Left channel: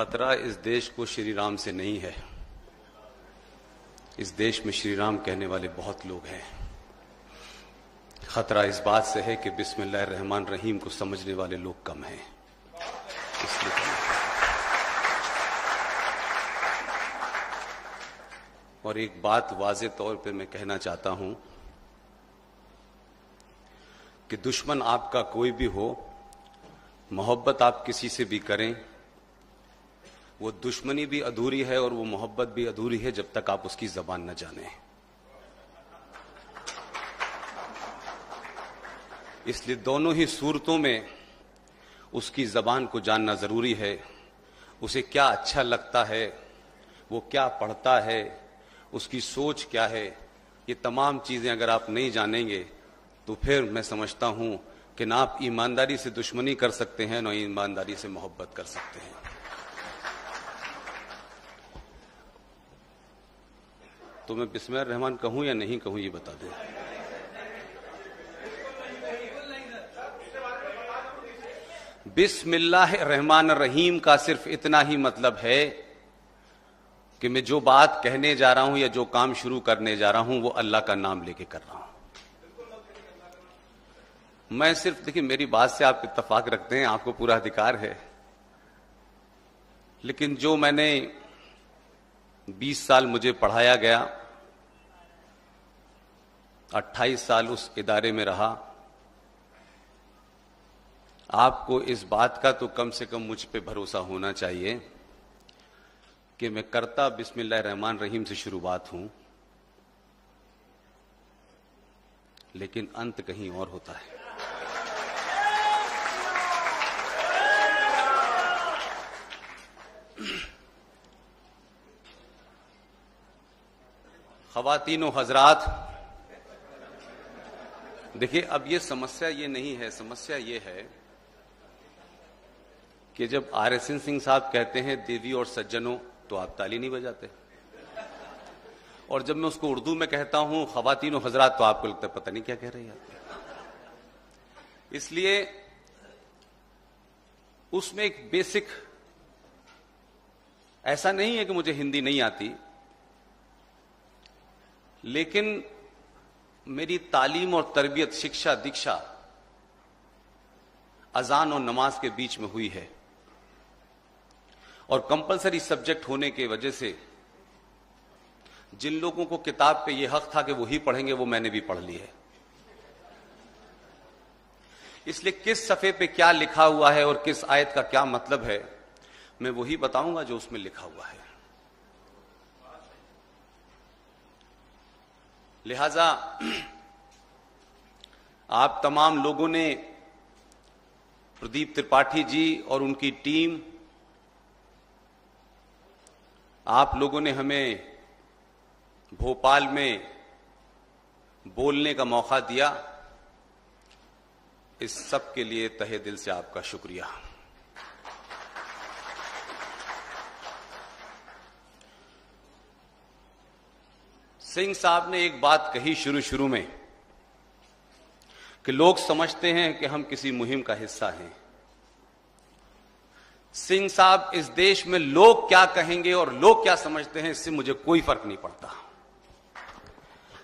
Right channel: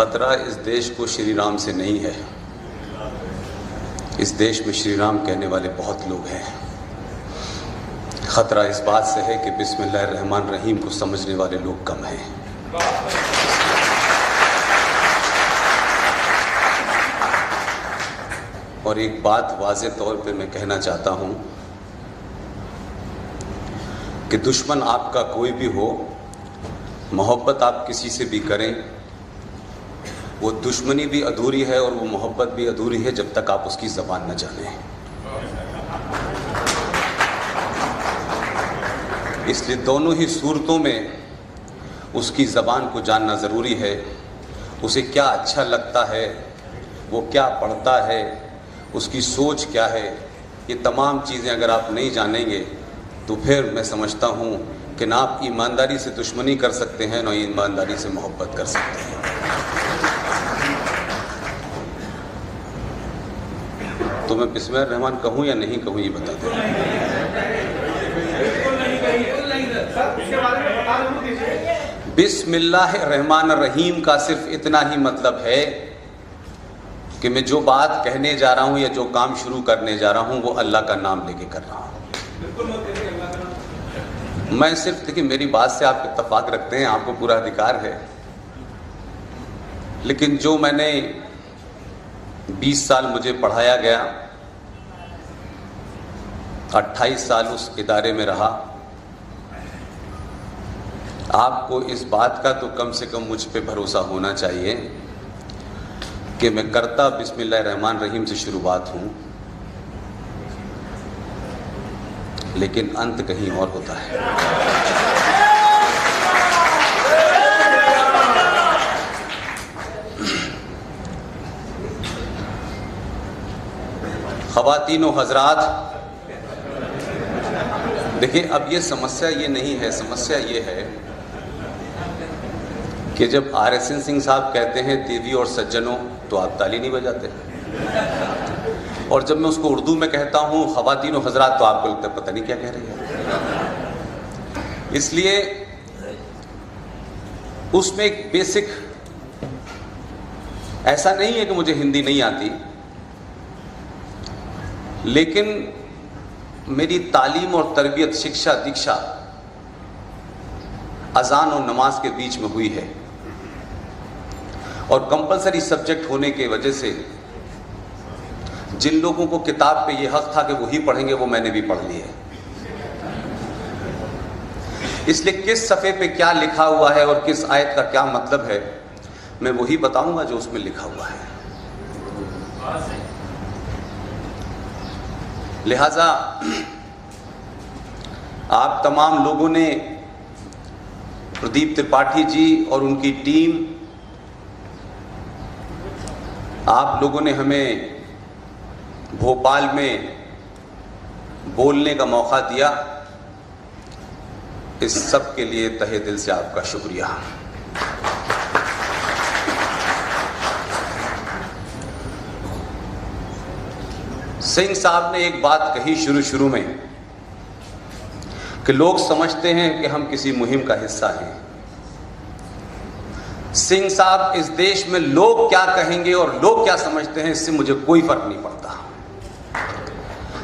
खतरा इस देश को श्री राम से नहीं है। इस देश में श्री राम कहने वाले बहुत लोग हैं। खतरा इस बात से है कि बिस्मिल्लाहिर्रहमानिर्रहीम को समझने वाले लोग कम हैं। और एक बात वाज़ेह तौर पे मैं कहना चाहता हूं कि दुश्मन आपका कोई भी हो, मोहब्बत आप किसी से भी करें, वो दुश्मनी भी अधूरी है और वो मोहब्बत भी अधूरी है जब तक आप उसकी ज़बान न जानें। इसलिए दोनों ही सूरतों में उसकी ज़बान को जानना ज़रूरी है। उसे क्या अच्छा लगता है, वो क्या पढ़ता है, उसकी सोच क्या है, ये तमाम चीज़ें अगर आप नहीं जानेंगे तो फिर मैं समझता हूँ कि ना आप ईमानदारी से दुश्मनी कर सकते हैं, ना ईमानदारी से मोहब्बत कर सकते हैं। तो मैं बिस्मिल्लाहिर्रहमान कहूँ या नहीं कहूँ, ये बता दें। बिस्मिल्लाहिर्रहमानिर्रहीम का सिर्फ इतना ही मतलब है कि मैं जो बात कहने जा रहा हूं या जो काम शुरू करने जा रहा हूं वो अल्लाह का नाम लेके कर रहा हूं। मैं सिर्फ, देखिए मेरी बात से आप इत्तेफाक रखते हैं, आपको पूरा अधिकार है, लेकिन जो मैंने 20 साल मुझे पढ़ाया गया, 28 साल उस इदारे में रहा, आपको इस बात का तो कम से कम मुझ पे भरोसा होना चाहिए कि मैं करता बिस्मिल्लाहिर्रहमानिर्रहीम से शुरुआत हूं, लेकिन अंत कहीं और होता है। ख़वातीन व हज़रात, देखिए अब ये समस्या ये नहीं है, समस्या ये है कि जब RSN सिंह साहब कहते हैं देवी और सज्जनों तो आप ताली नहीं बजाते, और जब मैं उसको उर्दू में कहता हूं ख़वातीन व हज़रात तो आपको लगता है पता नहीं क्या कह रही है। इसलिए उसमें एक बेसिक, ऐसा नहीं है कि मुझे हिंदी नहीं आती, लेकिन मेरी तालीम और तरबियत, शिक्षा दीक्षा अजान और नमाज के बीच में हुई है, और कंपलसरी सब्जेक्ट होने की वजह से जिन लोगों को किताब पे ये हक था कि वो ही पढ़ेंगे, वो मैंने भी पढ़ लिए। इसलिए किस सफ़े पे क्या लिखा हुआ है और किस आयत का क्या मतलब है, मैं वही बताऊंगा जो उसमें लिखा हुआ है। लिहाजा आप तमाम लोगों ने, प्रदीप त्रिपाठी जी और उनकी टीम, आप लोगों ने हमें भोपाल में बोलने का मौका दिया, इस सब के लिए तहे दिल से आपका शुक्रिया। सिंह साहब ने एक बात कही शुरू में कि लोग समझते हैं कि हम किसी मुहिम का हिस्सा हैं। सिंह साहब, इस देश में लोग क्या कहेंगे और लोग क्या समझते हैं, इससे मुझे कोई फर्क नहीं पड़ता।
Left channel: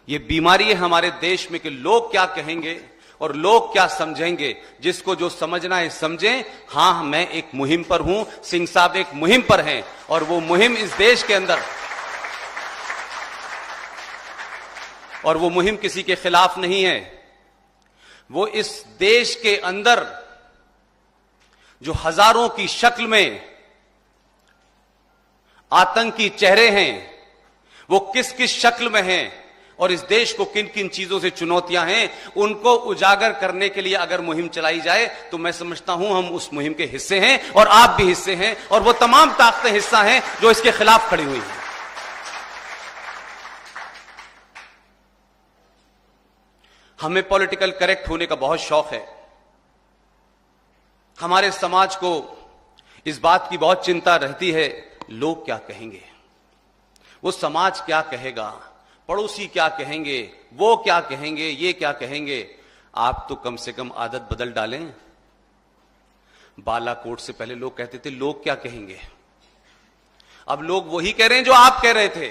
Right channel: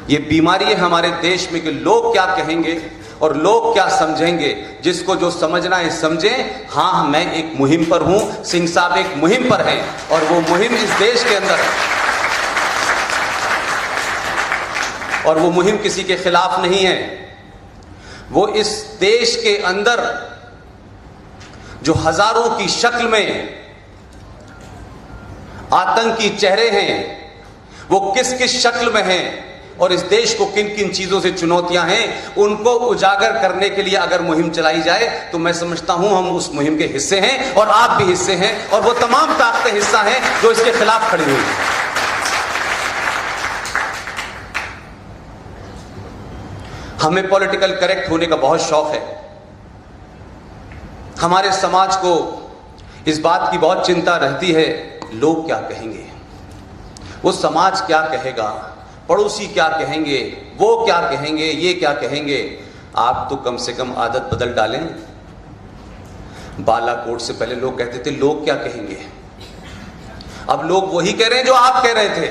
ये बीमारी है हमारे देश में कि लोग क्या कहेंगे और लोग क्या समझेंगे। जिसको जो समझना है समझें। हाँ, मैं एक मुहिम पर हूं, सिंह साहब एक मुहिम पर हैं, और वो मुहिम इस देश के अंदर है, और वो मुहिम किसी के खिलाफ नहीं है। वो इस देश के अंदर जो हजारों की शक्ल में आतंकी चेहरे हैं, वो किस किस शक्ल में हैं और इस देश को किन किन चीजों से चुनौतियां हैं, उनको उजागर करने के लिए अगर मुहिम चलाई जाए तो मैं समझता हूं हम उस मुहिम के हिस्से हैं, और आप भी हिस्से हैं, और वो तमाम ताकतें हिस्सा हैं जो इसके खिलाफ खड़ी हुई हैं। हमें पॉलिटिकल करेक्ट होने का बहुत शौक है। हमारे समाज को इस बात की बहुत चिंता रहती है, लोग क्या कहेंगे, वो समाज क्या कहेगा, पड़ोसी क्या कहेंगे, वो क्या कहेंगे, ये क्या कहेंगे। आप तो कम से कम आदत बदल डालें। बालाकोट से पहले लोग कहते थे लोग क्या कहेंगे, अब लोग वही कह रहे हैं जो आप कह रहे थे,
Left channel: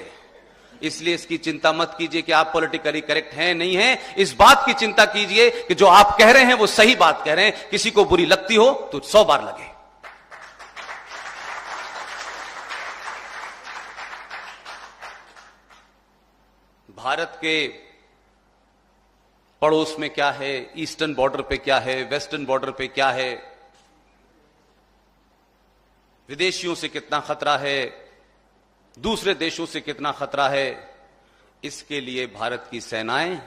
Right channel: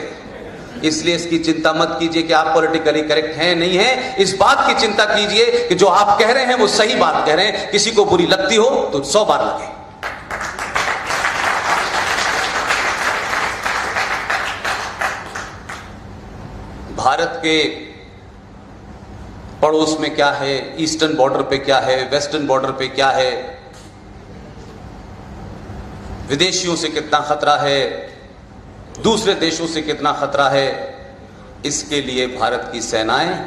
इसलिए इसकी चिंता मत कीजिए कि आप पॉलिटिकली करेक्ट हैं नहीं है। इस बात की चिंता कीजिए कि जो आप कह रहे हैं वो सही बात कह रहे हैं। किसी को बुरी लगती हो तो 100 बार लगे। भारत के पड़ोस में क्या है, ईस्टर्न बॉर्डर पे क्या है, वेस्टर्न बॉर्डर पे क्या है, विदेशियों से कितना खतरा है, दूसरे देशों से कितना खतरा है, इसके लिए भारत की सेनाएं,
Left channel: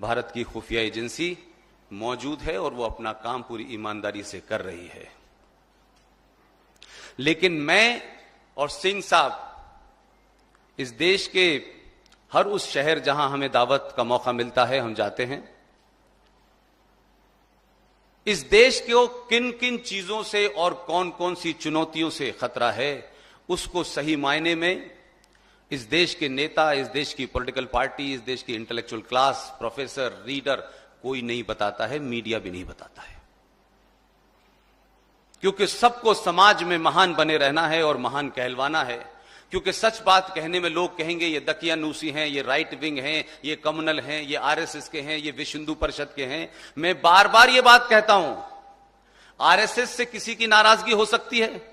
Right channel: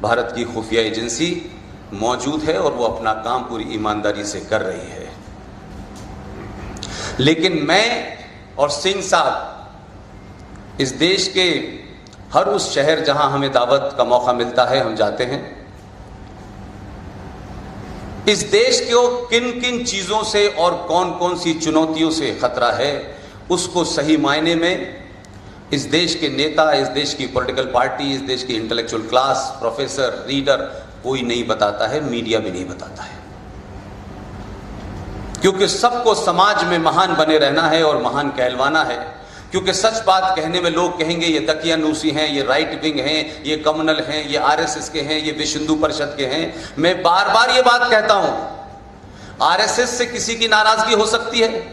भारत की खुफिया एजेंसी मौजूद है और वो अपना काम पूरी ईमानदारी से कर रही है। लेकिन मैं और सिंह साहब इस देश के हर उस शहर जहां हमें दावत का मौका मिलता है हम जाते हैं। इस देश को किन किन चीजों से और कौन कौन सी चुनौतियों से खतरा है उसको सही मायने में इस देश के नेता, इस देश की पॉलिटिकल पार्टी, इस देश की इंटेलेक्चुअल क्लास, प्रोफेसर, रीडर कोई नहीं बताता है, मीडिया भी नहीं बताता है। क्योंकि सबको समाज में महान बने रहना है और महान कहलवाना है। क्योंकि सच बात कहने में लोग कहेंगे ये दकियानूसी हैं, ये राइट विंग हैं, ये कम्युनल हैं, ये आरएसएस के हैं, ये विश्व हिंदू परिषद के हैं। मैं बार बार ये बात कहता हूं, आरएसएस से किसी की नाराजगी हो सकती है,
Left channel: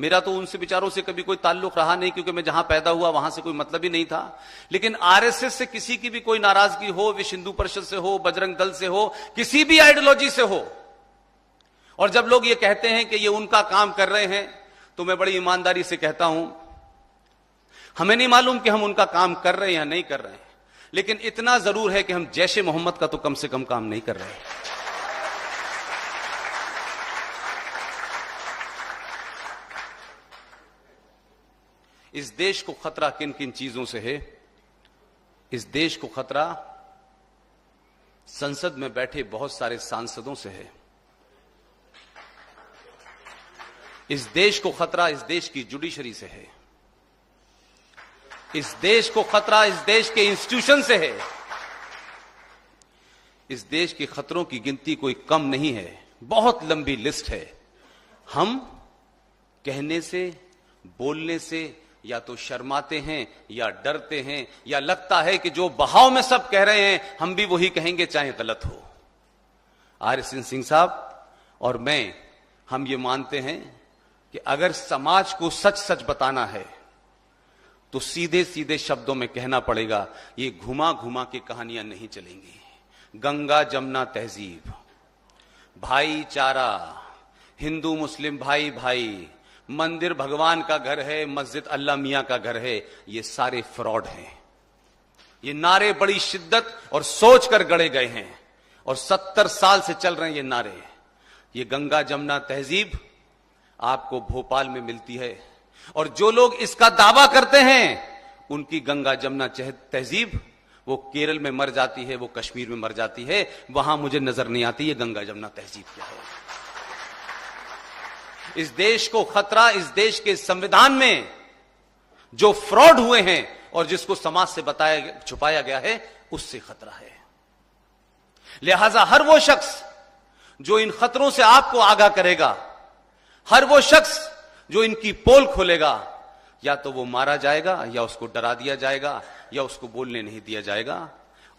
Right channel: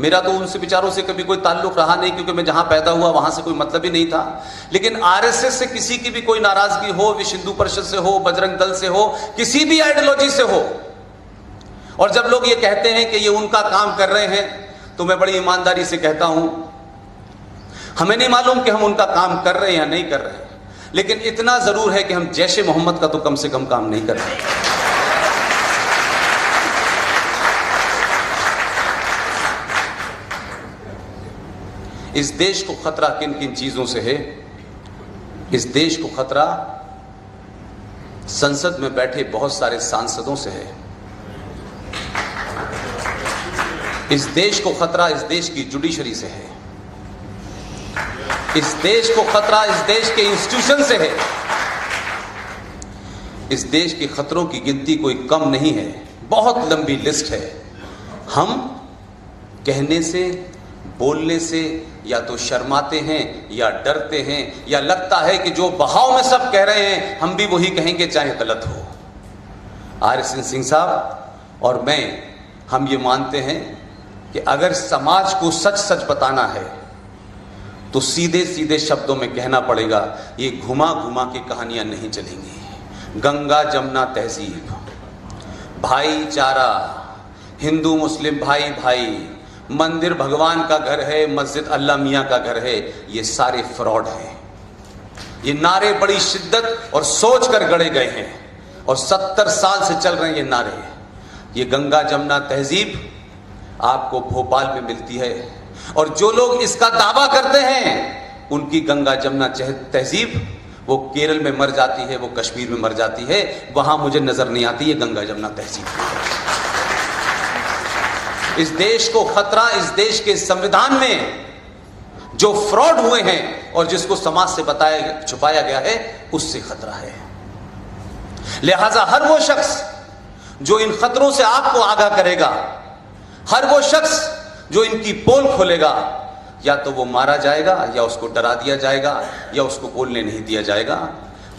मेरा तो उनसे विचारों से कभी कोई ताल्लुक रहा नहीं, क्योंकि मैं जहां पैदा हुआ वहां से कोई मतलब ही नहीं था। लेकिन आरएसएस से किसी की भी कोई नाराजगी हो, विश्व हिंदू परिषद से हो, बजरंग दल से हो, किसी भी आइडियोलॉजी से हो, और जब लोग ये कहते हैं कि ये उनका काम कर रहे हैं, तो मैं बड़ी ईमानदारी से कहता हूं हमें नहीं मालूम कि हम उनका काम कर रहे हैं या नहीं कर रहे हैं, लेकिन इतना जरूर है कि हम जैशे मोहम्मद का तो कम से कम काम नहीं कर रहे। इस देश को खतरा किन किन चीजों से है? इस देश को खतरा संसद में बैठे बहुत सारे सांसदों से है। इस देश को खतरा इस देश की जुडिशरी से है। इस देश को खतरा इस देश के इंस्टीट्यूशन से है। इस देश के खतरों की गिनती कोई कम नहीं है, बहुत लंबी लिस्ट है। हम कहने से, बोलने से या तो शर्माते हैं या डरते हैं, या लगता है कि जो बहाव में सब कह रहे हैं हम भी वही कहेंगे चाहे गलत हो। आरएसएन सिंह साहब और मैं, हम ये मानते हैं कि अगर समाज को सच सच बताना है तो सीधे सीधे शब्दों में कहना पड़ेगा। ये घुमा घुमा के कहानियां नहीं चलेंगी। गंगा जमुना तहजीब, भाईचारा, हिंदू मुस्लिम भाई भाई, मंदिर भगवान का घर है, मस्जिद अल्लाह मियां का घर है, ये सारे फ्रॉड हैं। ये नारे बड़ी शिद्दत और सोच कर गढ़े गए हैं और 70 साल से चल रहे हैं ये नारे। ये गंगा जमुना तहजीब आपको भोपाल में मिलती है, और जो लोग इसका दावा करते हैं उनकी गंगा जमुना तहजीब वो केरल में मर जाती है, वो कश्मीर में मर जाती है, वहां मुझे नजर नहीं आती है गंगा जमुना तहजीब। इस देश को खतरा इस देश के संविधान में जो फ्रॉड हुए हैं और जिसको समाज से बताया छुपाया गया है उससे खतरा है। लिहाजा हर वो शख्स जो इन खतरों से आपको आगाह करेगा, हर वो शख्स जो इनकी पोल खोलेगा, या तो वो मारा जाएगा या उसको डरा दिया जाएगा या उसको बोलने नहीं दिया जाएगा।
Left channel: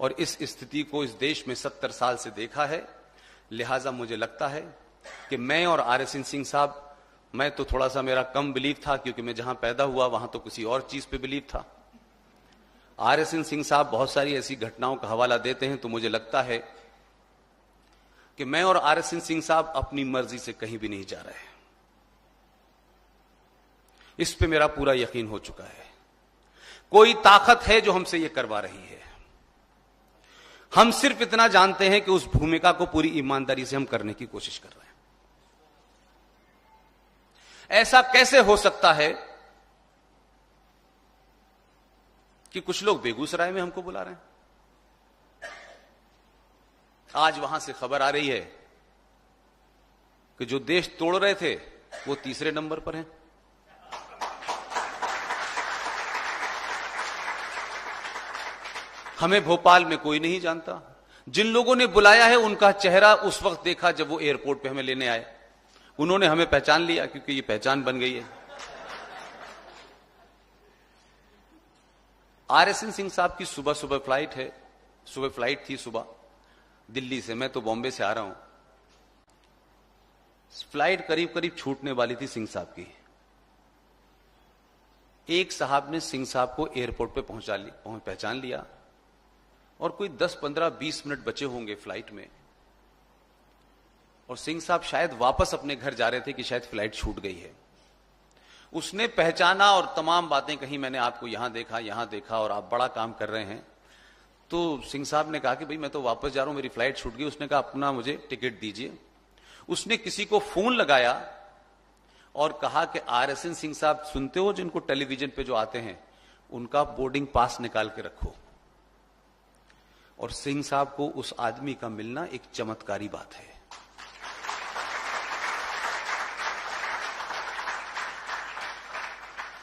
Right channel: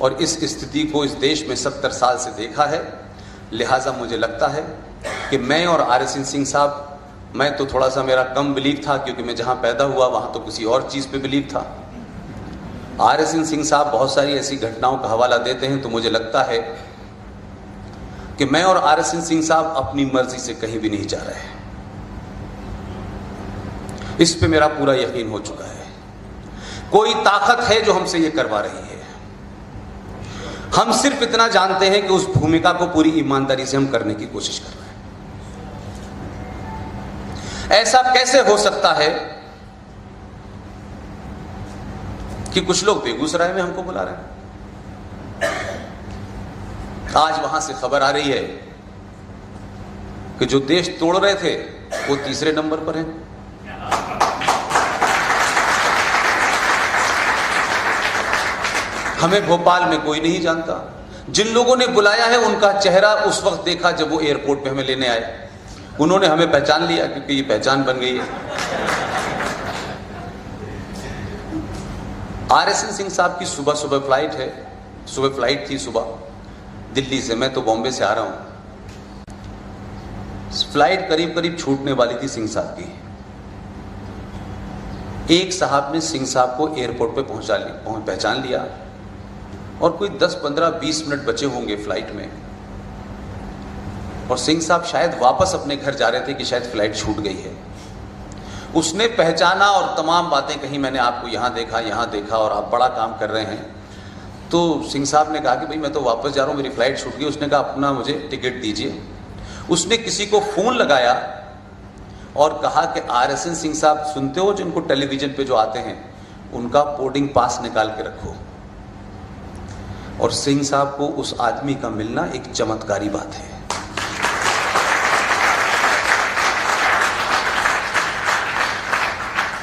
और इस स्थिति को इस देश में 70 साल से देखा है। लिहाजा मुझे लगता है कि मैं और आरएसएन सिंह साहब, मैं तो थोड़ा सा मेरा कम बिलीव था क्योंकि मैं जहां पैदा हुआ वहां तो किसी और चीज पे बिलीव था। आरएसएन सिंह साहब बहुत सारी ऐसी घटनाओं का हवाला देते हैं, तो मुझे लगता है कि मैं और आरएसएन सिंह साहब अपनी मर्जी से कहीं भी नहीं जा रहे हैं। इस पे मेरा पूरा यकीन हो चुका है। कोई ताकत है जो हमसे ये करवा रही है। हम सिर्फ इतना जानते हैं कि उस भूमिका को पूरी ईमानदारी से हम करने की कोशिश कर रहे हैं। ऐसा कैसे हो सकता है कि कुछ लोग बेगूसराय में हमको बुला रहे हैं? आज वहां से खबर आ रही है कि जो देश तोड़ रहे थे वो तीसरे नंबर पर है। हमें भोपाल में कोई नहीं जानता। जिन लोगों ने बुलाया है उनका चेहरा उस वक्त देखा जब वो एयरपोर्ट पे हमें लेने आए। उन्होंने हमें पहचान लिया क्योंकि ये पहचान बन गई है। RSN सिंह साहब की सुबह सुबह फ्लाइट है, सुबह फ्लाइट थी सुबह दिल्ली से, मैं तो बॉम्बे से आ रहा हूं। फ्लाइट करीब करीब छूटने वाली थी सिंह साहब की। एक साहब ने सिंह साहब को एयरपोर्ट पे पहचान लिया और कोई 10, 15, 20 मिनट बचे होंगे फ्लाइट में, और सिंह साहब शायद वापस अपने घर जा रहे थे कि शायद फ्लाइट छूट गई है। उसने पहचाना और तमाम बातें कही, मैंने आपको यहां देखा और आप बड़ा काम कर रहे हैं। तो सिंह साहब ने कहा कि भाई मैं तो वापस जा रहा हूं, मेरी फ्लाइट छूट गई। उसने कहा अपना मुझे टिकट दीजिए। उसने किसी को फोन लगाया और कहा कि RSN सिंह साहब सुनते हो, जिनको टेलीविजन पे जो आते हैं, उनका बोर्डिंग पास निकाल के रखो। और सिंह साहब को उस आदमी का मिलना एक चमत्कारी बात है।